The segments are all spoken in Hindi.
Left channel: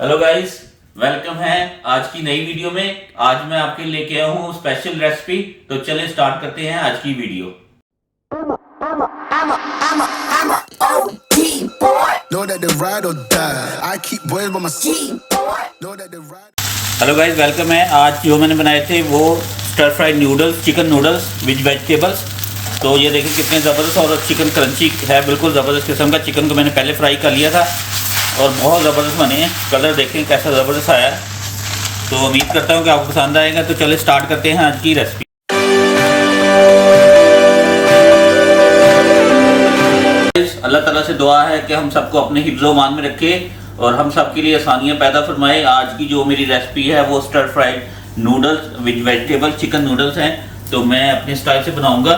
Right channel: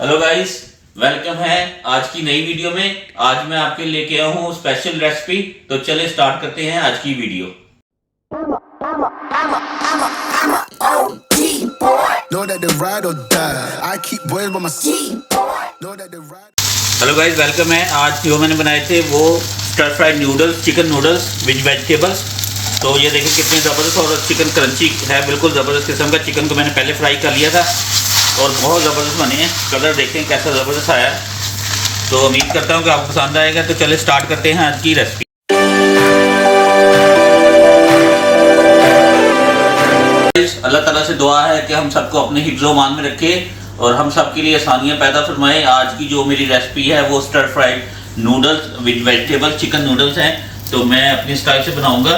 हेलो गाइस, वेलकम है आज की नई वीडियो में। आज मैं आपके लेके आया हूँ स्पेशल रेसिपी। तो चले स्टार्ट करते हैं आज की वीडियो। हेलो गाइस, वेलकम है। आज जो मैंने बनाए थे वो stir fried noodles, chicken noodles with vegetables. तो ये देखिए कितने ज़बरदस्त और चिकन क्रंची है, बिल्कुल ज़बरदस्त किस्म का। चिकन को मैंने पहले फ्राई कर लिया था और बहुत ज़बरदस्त बने हैं। कलर देखें कैसा ज़बरदस्त आया है। तो उम्मीद करता हूँ कि आपको पसंद आएगा। तो चले स्टार्ट करते हैं आज की रेसिपी। अल्लाह ताला से दुआ है कि हम सबको अपने हिफ्ज़-ओ-मान में रखे और हम सब के लिए आसानियाँ पैदा फरमाए। आज की जो मेरी रेसिपी है वो stir fried noodles with vegetable chicken noodles हैं। तो मैं अपने स्टाइल से बनाऊंगा।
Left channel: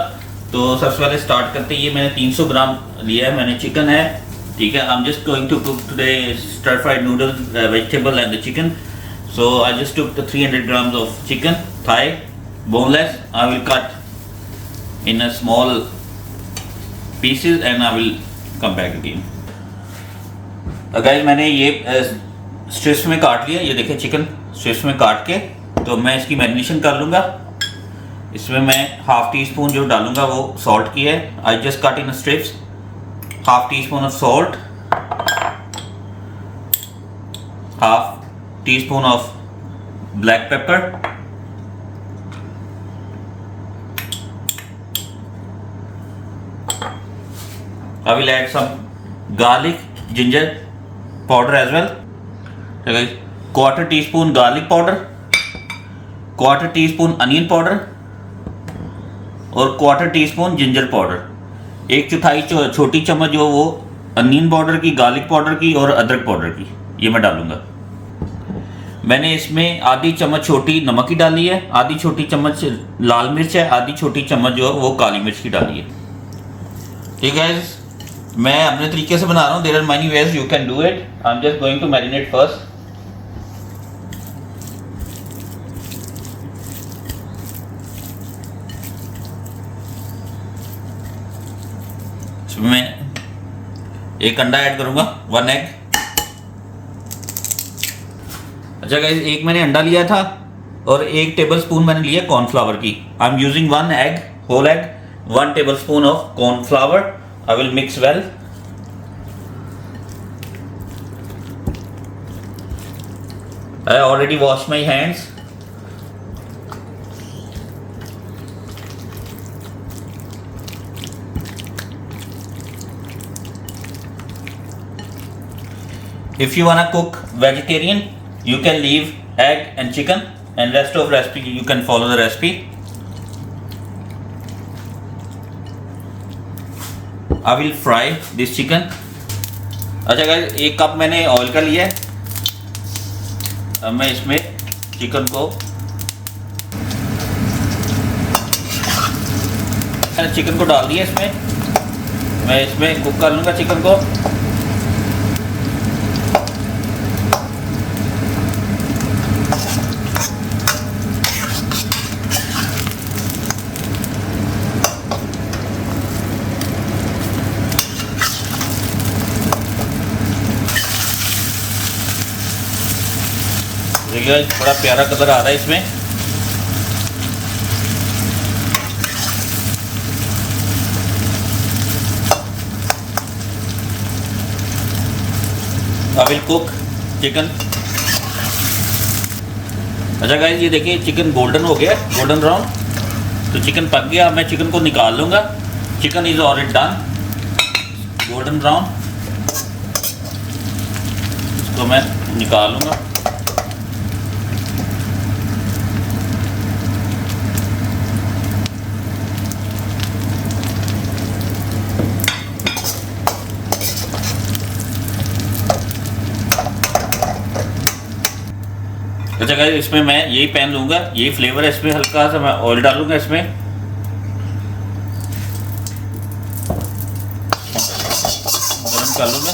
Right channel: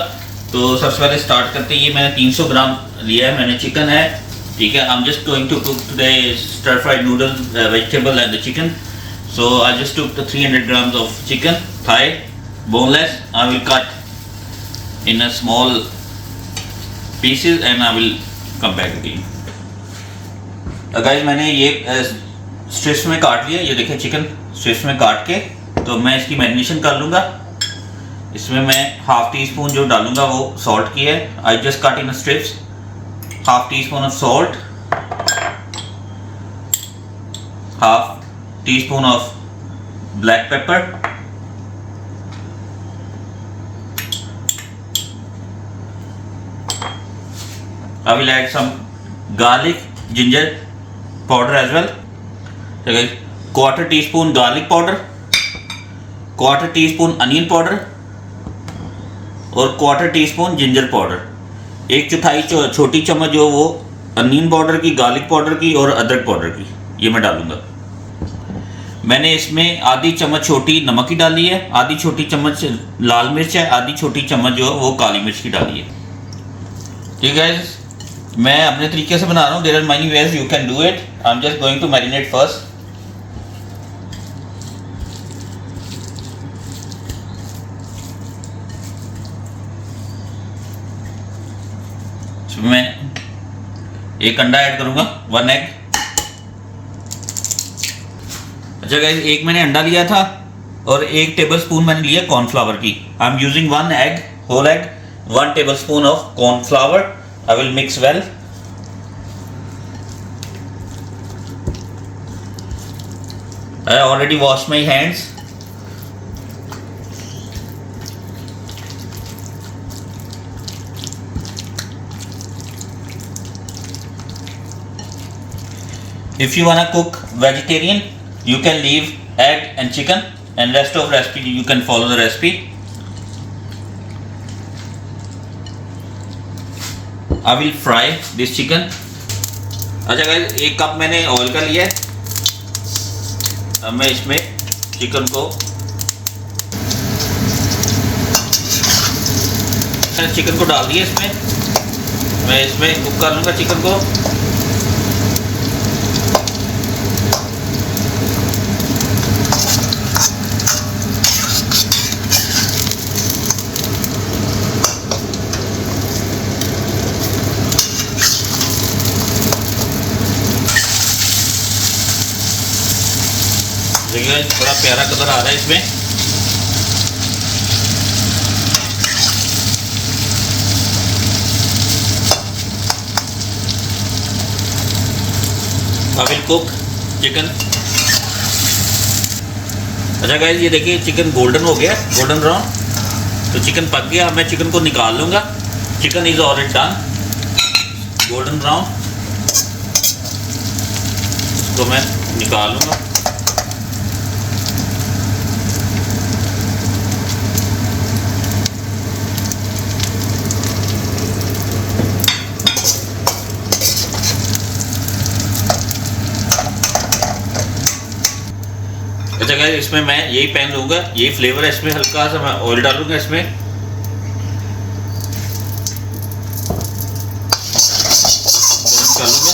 तो सबसे पहले स्टार्ट करते हैं। ये मैंने 300 ग्राम लिया है, मैंने चिकन है, ठीक है। I am just going to cook today stir fried noodles vegetable and the chicken. So I just took the 300 grams of chicken, thigh, boneless. I will cut in a small pieces and I will come back again. Guys, मैंने ये स्ट्रिप्स में काट लिया। ये देखिए चिकन स्ट्रिप्स में काट के तो मैं इसकी मैरिनेशन कर लूँगा। इसमें मैं हाफ टी स्पून जो डालूँगा वो सॉल्ट की है। I just cut in strips, half tea spoon of salt, half teaspoon of black pepper, I will add some garlic ginger powder as well. Okay, quarter teaspoon garlic powder, quarter teaspoon onion powder और quarter teaspoon ginger powder। एक चौथाई छोटी चम्मच जो वो अनियन पाउडर की, गार्लिक पाउडर की और अदरक पाउडर की, ये मैं डालूंगा। मैंने इसमें आधी चम्मच छोटी नमक की डाली है, आधी छोटी चम्मच लाल मिर्च है, आधी छोटी चम्मच जो वो काली मिर्च की डाली है। ठीक है, मैं अपने तरीके से बना रहा हूँ। There are many ways you can do it. I am just going to marinate first. इसमें एक अंडा ऐड करूँगा, 1 एग। अच्छा गाइस, एक मैंने अंडा लिया था और 1 टेबलस्पून मैंने लिया कॉर्नफ्लावर की। I am using 1 egg, whole egg, 1 tablespoon of cornflour. I will mix well. I already wash my hands. If you wanna cook vegetarian, you can leave egg and chicken and rest of recipe you can follow the recipe. I will fry this chicken. अच्छा गाइस, 1 कप मैंने ऑयल का लिया है। अब मैं इसमें चिकन को डाल दिया। इसमें मैं इसमें कुक कर लूँगा चिकन को। देखिए बड़ा प्यारा कलर आ रहा है इसमें। I will cook chicken. अच्छा गाइस, ये देखिए चिकन गोल्डन हो गया, गोल्डन ब्राउन। तो चिकन पक गया। मैं चिकन को निकाल लूँगा। Chicken is already done, golden brown. इसको मैं निकाल लूँगा। जगह इसमें मैं यही पैन लूँगा, यही फ्लेवर है इसमें। हल्का सा मैं ऑयल डालूंगा इसमें। गरम कर लूँगा।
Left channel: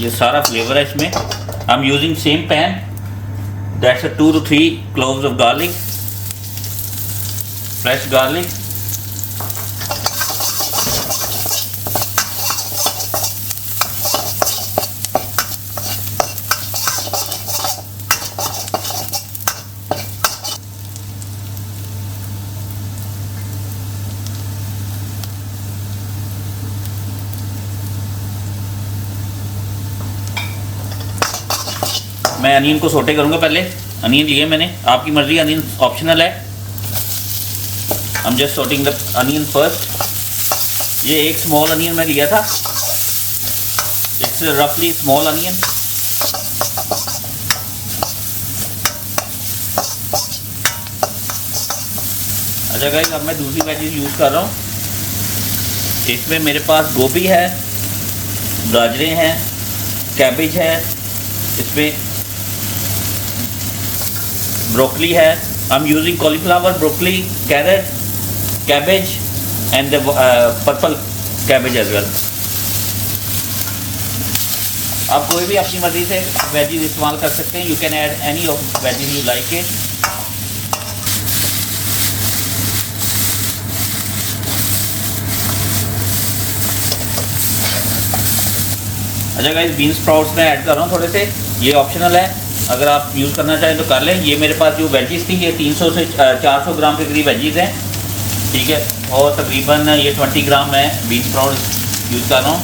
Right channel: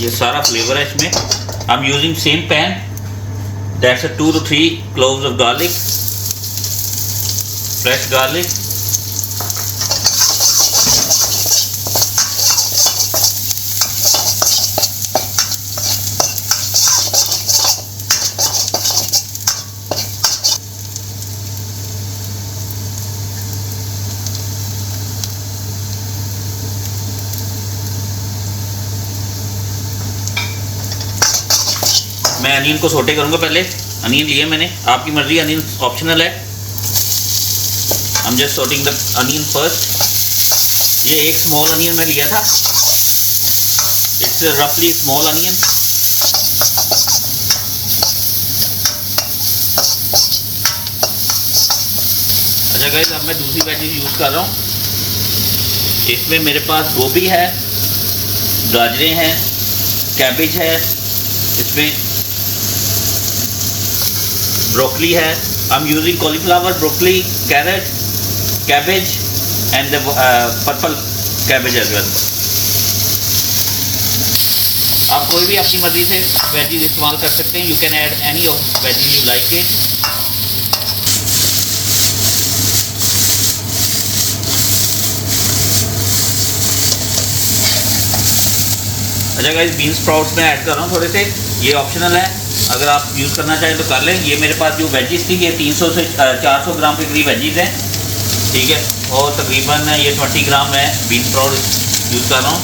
ये सारा फ्लेवर है इसमें। आई am using same pan. That's 2 to 3 cloves of garlic, fresh garlic, मैं अनियन को सोटे करूँगा। पहले अनियन लिए मैंने, आपकी मर्जी, अनियन ऑप्शनल है। I am just sorting the onion first. ये एक स्मॉल अनियन मैं लिया था, इट्स रफली स्मॉल अनियन। अच्छा गाइस, अब मैं दूसरी वेजीज यूज़ कर रहा हूँ। इसमें मेरे पास गोभी है, गाजरें हैं, कैबेज है, इसमें ब्रोकली है। I am using cauliflower, broccoli, carrot, cabbage and the purple cabbage as well. आप कोई भी अपनी मर्जी से वेजीज इस्तेमाल कर सकते हैं। You can add any of veggies you like it. अच्छा गाइस, बीन्स स्प्राउट्स मैं ऐड कर रहा हूँ थोड़े से, ये ऑप्शनल है, अगर आप यूज़ करना चाहें तो कर लें। ये मेरे पास जो वेजीज थी, ये 300 से 400 ग्राम के करीब वेजीज हैं, ठीक है। और तकरीबन ये 20 ग्राम मैं बीन्स स्प्राउट यूज़ कर रहा हूँ।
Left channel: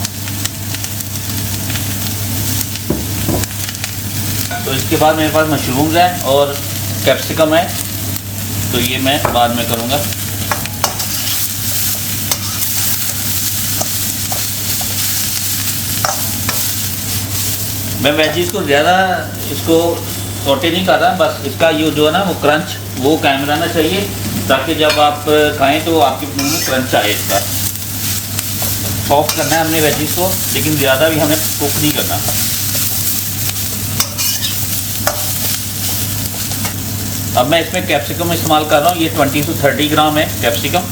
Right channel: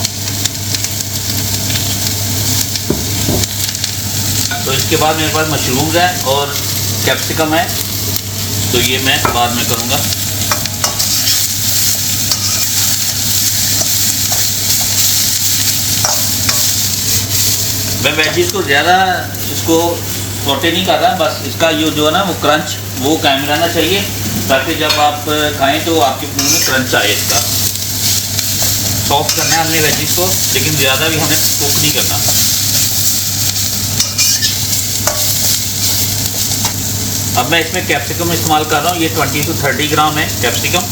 तो इसके बाद मेरे पास मशरूम्स है और कैप्सिकम है, तो ये मैं बाद में करूँगा। मैं वेजीज को ज़्यादा इसको सौटे नहीं कर रहा, बस इसका ये जो है ना वो क्रंच वो कायम रहना चाहिए, ताकि जब आप खाएं तो आपके मुंह में क्रंच आए। इसका सॉफ्ट करना है हमने वेजीज को, लेकिन ज़्यादा भी हमें कुक नहीं करना। अब मैं इसमें कैप्सिकम इस्तेमाल कर रहा हूँ, ये 20 से 30 ग्राम है कैप्सिकम।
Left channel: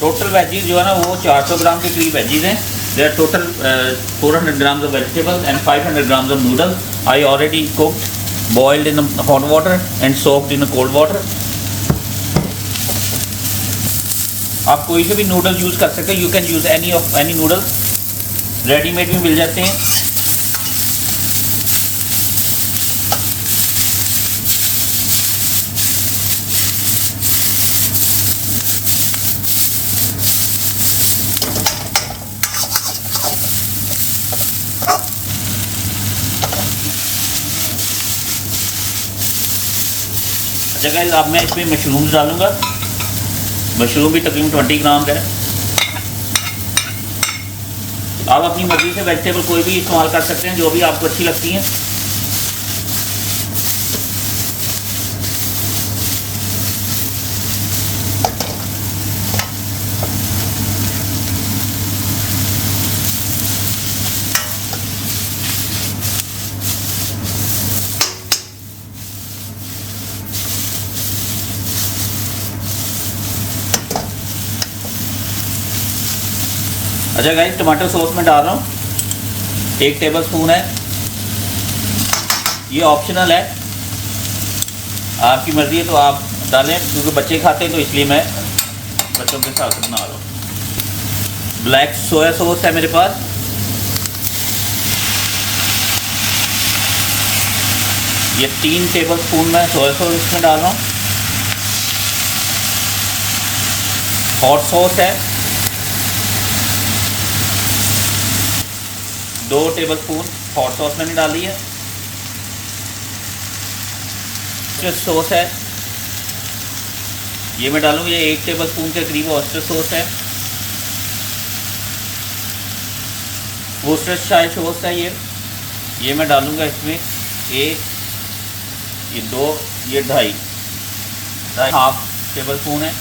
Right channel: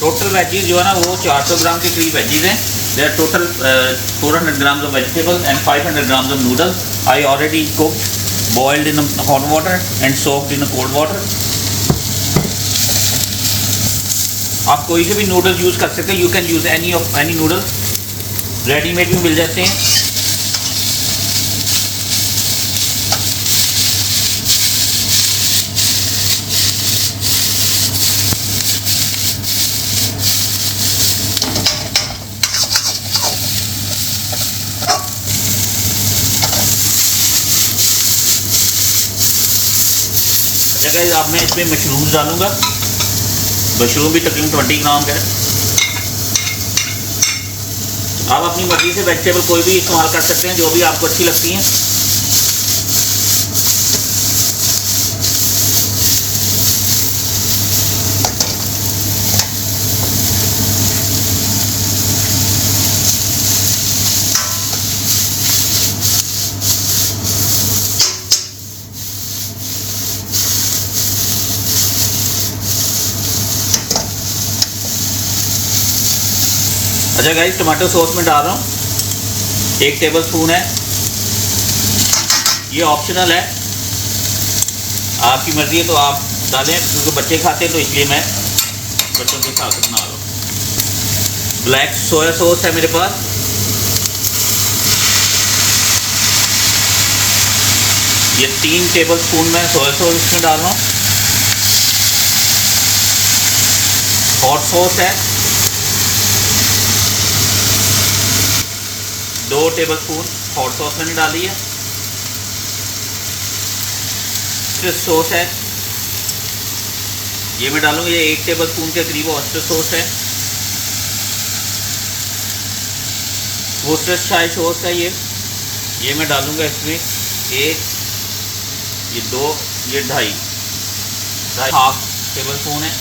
टोटल वेजीज जो है ना वो 400 ग्राम के करीब वेजीज हैं। There are total 400 grams of vegetables and 500 grams of noodles. I already cooked, boiled in the hot water and soaked in the cold water. आप कोई से भी नूडल्स यूज़ कर सकते हैं। You can use any noodles. Readymade भी मिल जाते हैं। गाइस, अब मैं इसमें मशरूम डालूंगा। मशरूम भी तकरीबन 20 ग्राम का है। आप अपनी मर्जी से वेजिटेबल कोई भी इस्तेमाल कर सकते हैं, जो भी आपको अच्छी लगती हैं। अच्छा गाइस, टमाटो सॉस में डाल रहा हूँ, 1 टेबल स्पून है। ये ऑप्शनल है, आपकी मर्जी है तो आप डालें, क्योंकि बच्चे खाते हैं तो इसलिए मैं बच्चों के हिसाब से बना रहा हूँ। ब्लैक सोया सॉस है मेरे पास, ये 3 टेबल स्पून मैं सोया सॉस इसमें डाल रहा हूँ। हॉट सॉस है 2 टेबल स्पून हॉट सॉस मैंने डाली है। फिर सॉस है, ये मैं डालूंगी, ये 1 टेबल स्पून के करीब ऑयस्टर सॉस है। वोस्टरशायर सॉस है ये मैं डालूंगा इसमें 1, ये 2, ये 2.5 हाफ टेबल स्पून है।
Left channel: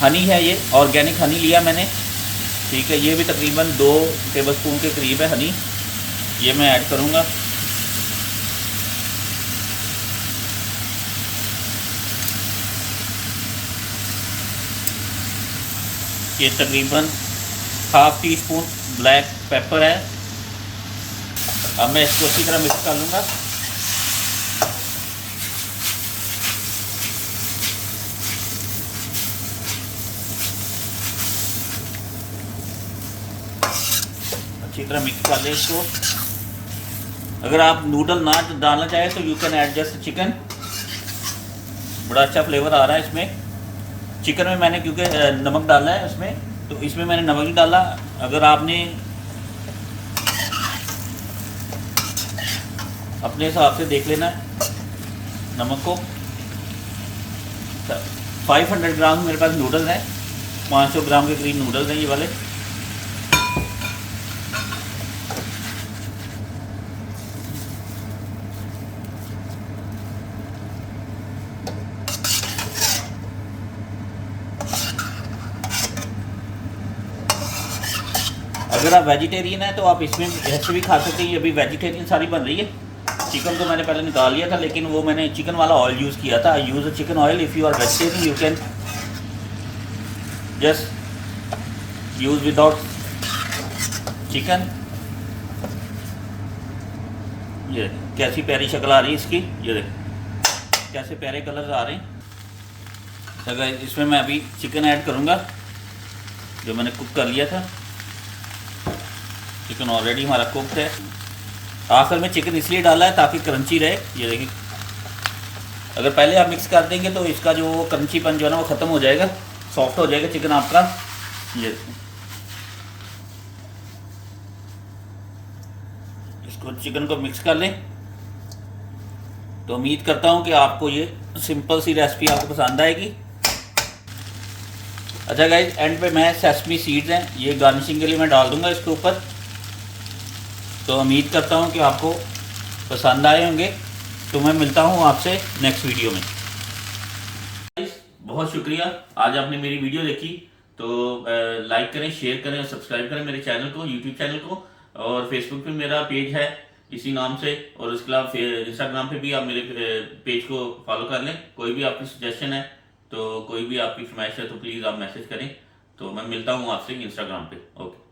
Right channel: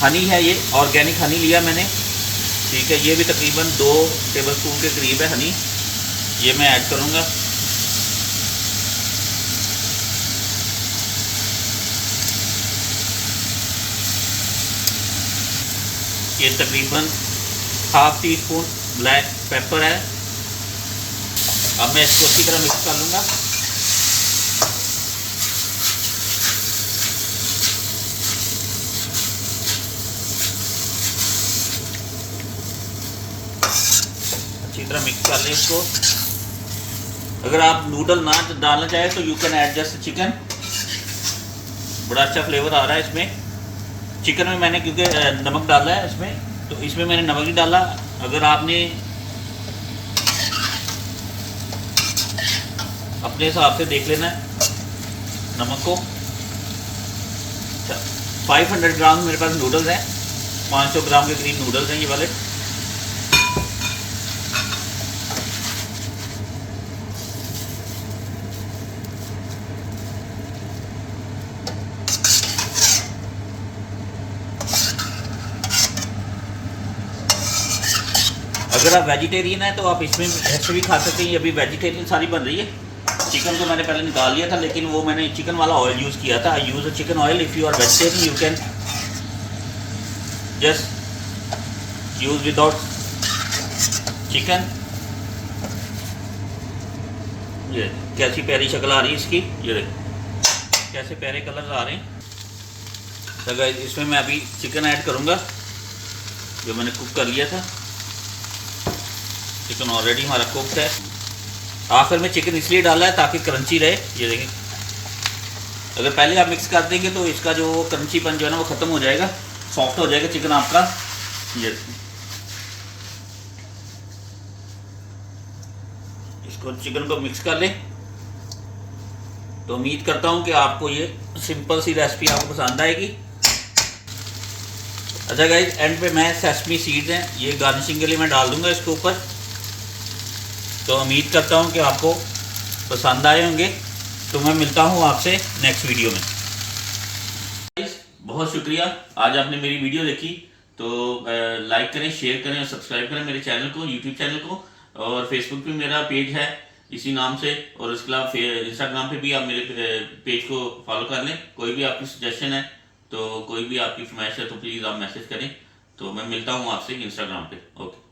हनी है, ये ऑर्गेनिक हनी लिया मैंने, ठीक है। ये भी तकरीबन 2 टेबल स्पून के करीब है हनी, ये मैं ऐड करूँगा। ये तकरीबन half tea spoon black pepper है। अब मैं इसको अच्छी तरह मिक्स कर लूँगा। अच्छी तरह मिक्स कर लें इसको। अगर आप नूडल ना डालना चाहें तो you can add just chicken, बड़ा अच्छा फ्लेवर आ रहा है इसमें। चिकन में मैंने क्योंकि नमक डाला है इसमें, तो इसमें मैंने नमक नहीं डाला। अगर आपने अपने हिसाब से देख लेना है नमक को। 500 ग्राम मेरे पास नूडल्स हैं, 500 ग्राम के करीब नूडल्स हैं ये वाले। अगर आप वेजिटेरियन हैं तो आप इसमें ऐसे भी खा सकते हैं। ये अभी वेजिटेरियन सारी बन रही है। चिकन तो मैंने पहले निकाल लिया था, लेकिन वो मैंने चिकन वाला ऑयल यूज़ किया था। I use a chicken oil. If you are vegetarian you can just use without chicken. ये कैसी प्यारी शक्ल आ रही है इसकी, ये देख कैसे प्यारे कलर आ रहे हैं। तो गाइस इसमें मैं अभी चिकन ऐड करूँगा जो मैंने कुक कर लिया था। चिकन ऑलरेडी हमारा कुक्ड है। आखिर में चिकन इसलिए डाला है ताकि क्रंची रहे। ये देखिए, अगर पहले आप मिक्स कर देंगे तो इसका जो क्रंचीपन जो है ना वो ख़त्म हो जाएगा, सॉफ्ट हो जाएगा चिकन आपका। ये इसको चिकन को मिक्स कर लें। तो उम्मीद करता हूँ कि आपको ये सिंपल सी रेसिपी आपको पसंद आएगी। अच्छा गाइस, एंड पे मैं सेसमी सीड्स हैं ये गार्निशिंग के लिए मैं डाल दूंगा इसके ऊपर। तो उम्मीद करता हूँ कि आपको पसंद आए होंगे। तो मैं मिलता हूँ आपसे नेक्स्ट वीडियो में। बहुत शुक्रिया आज आपने मेरी वीडियो देखी। तो लाइक करें, शेयर करें और सब्सक्राइब करें मेरे चैनल को, यूट्यूब चैनल को। और फेसबुक पे मेरा पेज है इसी नाम से, और उसके अलावा इंस्टाग्राम पे भी आप मेरे पेज को फॉलो कर लें। कोई भी आपकी सजेशन है तो कोई भी आपकी फरमाइश है तो प्लीज़ आप मैसेज करें। तो मैं मिलता हूँ आपसे इंस्टाग्राम पे। ओके।